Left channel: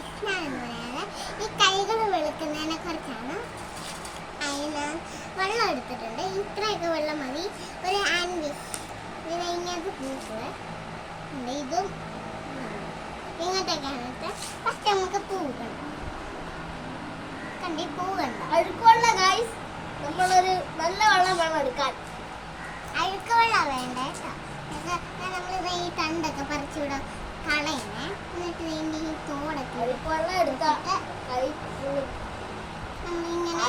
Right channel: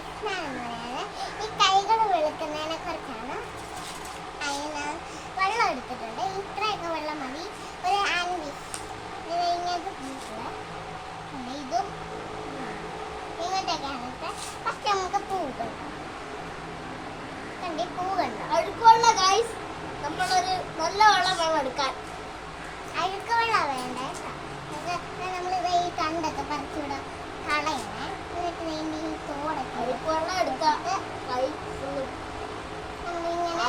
പ്രശ്നം എന്ന് പറയുന്നത് ഈ കൈകൾ വെളുക്കുന്നതിനെ കുറിച്ചാണ്. അതിന് വെള്ളം എടുത്തിട്ടുണ്ട്. ഇത്രയൊക്കെ വെള്ളം മതി ഒരു ഹാൻഡ് വിഷ്. ഇത് ഇങ്ങനത്തെ പൂക്കള് ഉണ്ട്. ഇതും ഇങ്ങോട്ടേക്കാണ് ഇട്ട്. ഫസ്റ്റ് നമുക്ക് പൂ കണ്ടോ, കണ്ടി പൂ കണ്ടോ? അഴുക്കുള്ള ഗൈസ്, നമ്മളൊരു നല്ല വെള്ളം വേണം എടുക്കാൻ. അഴുക്ക് വെള്ളം വേണ്ട കേട്ടോ. നമ്മളിത് ഈ തണ്ടൊക്കെ പറിച്ചുവിടാം കളയണേ. എന്നിട്ട് വേണ്ടി ഈ തോടൊക്കെ അഴുക്ക് വെള്ളം എടുത്തിട്ട് കൈ നമ്മളിങ്ങനെ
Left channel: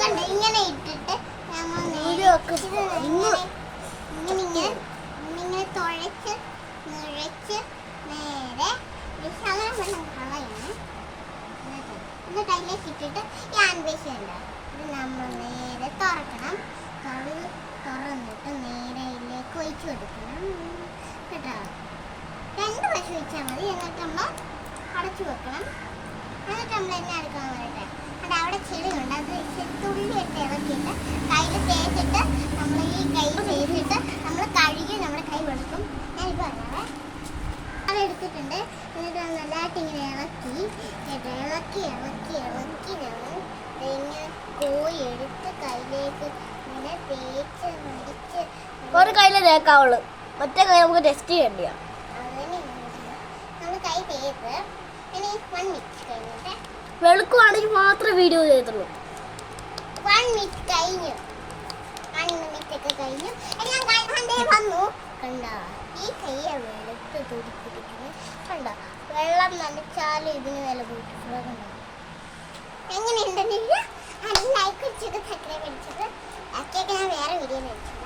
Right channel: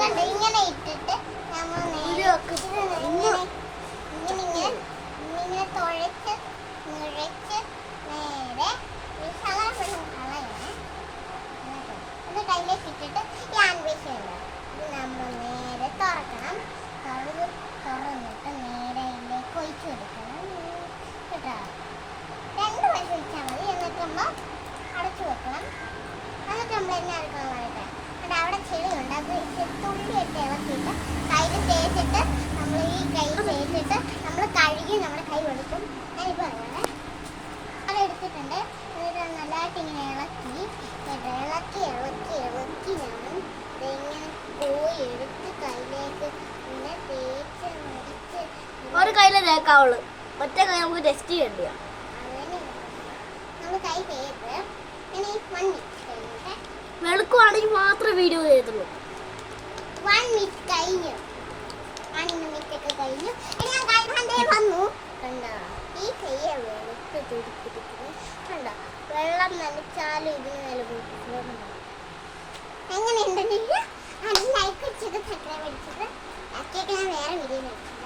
കണ്ട് ഇങ്ങനെ ഇട്ടിട്ട് നമ്മൾ ഇങ്ങനെ തുഴച്ച് നിറച്ച് നേരെ വിശാല വെള്ളം കളയണേ. ഇത് കയ്യിലേക്ക് ഇട്ടിട്ട് ഈ ആൻവേശം ഉണ്ടോ, ഇത് നമ്മൾ നേരെ തുറക്കണം. തുറന്നിട്ട് നേരെ ഇതിലേക്ക് ഒഴിച്ചു കൊടുക്കണം കേട്ടോ. 2 പ്രാവശ്യം ഒഴിച്ചാൽ മതി. എന്നിട്ട് നമ്മൾ അടച്ചു വെക്കണം. എന്നിട്ട് നമ്മൾ എന്നെ അടക്കണം പറയട്ടെ. അത് അവിടെ ചെളിയുണ്ട്, അത് തുള്ളിയിട്ട് ഇളക്കിയിട്ട് കയ്യിൽ തേച്ചിട്ട് നമ്മൾ ഈ കൈ തേച്ചിട്ട് നമ്മൾ കഴുകി നമ്മുടെ കൈ വെളുക്കും. ഞാനിപ്പോൾ അറിയാം അത് എടുത്തിട്ടുണ്ട്. എന്നിട്ട് നല്ലതായിട്ട് ഇങ്ങനെ ഇളക്കി ഇളക്കി ഇളക്കി ഇളക്കി ഞാൻ ഇങ്ങനെ കോഴി എടുത്ത് കയ്യിലേക്ക് ഇങ്ങനെ തേച്ച് മടിച്ച് ഒരു കയ്യിലെ തേക്കാവുള്ളൂ, മറ്റേ കൈ നമുക്ക് ടെസ്റ്റ് ചെയ്യേണ്ടിയാണ്. നമ്മൾ കൈ തേച്ച് പിന്നെ 1 മിനിറ്റ് കഴിഞ്ഞിട്ട് വെളുക്കുവാണെങ്കിൽ മാത്രമേ വീഡിയോ ചെയ്തുള്ളൂ. 1 മിനിറ്റ് കഴിഞ്ഞു. 1 മിനിറ്റ് ഒക്കെ കഴിഞ്ഞു. ഞാൻ കൈ വന്നു കണ്ടോ. ഈ കയ്യെ വെളുത്ത് തുടിപ്പിടിക്കുന്നു കണ്ടോ. വെള്ളം നനച്ചാലും ഇതിന് വില പോയിട്ടുണ്ടോ കണ്ടോ. എങ്ങനെയുണ്ടെന്നില്ല. ലൈക്ക് വെച്ചത് സബ്സ്ക്രൈബ് അടിച്ചത് ഒക്കെ ഞാൻ വേറെ വീഡിയോ വെച്ചിട്ടുണ്ട്.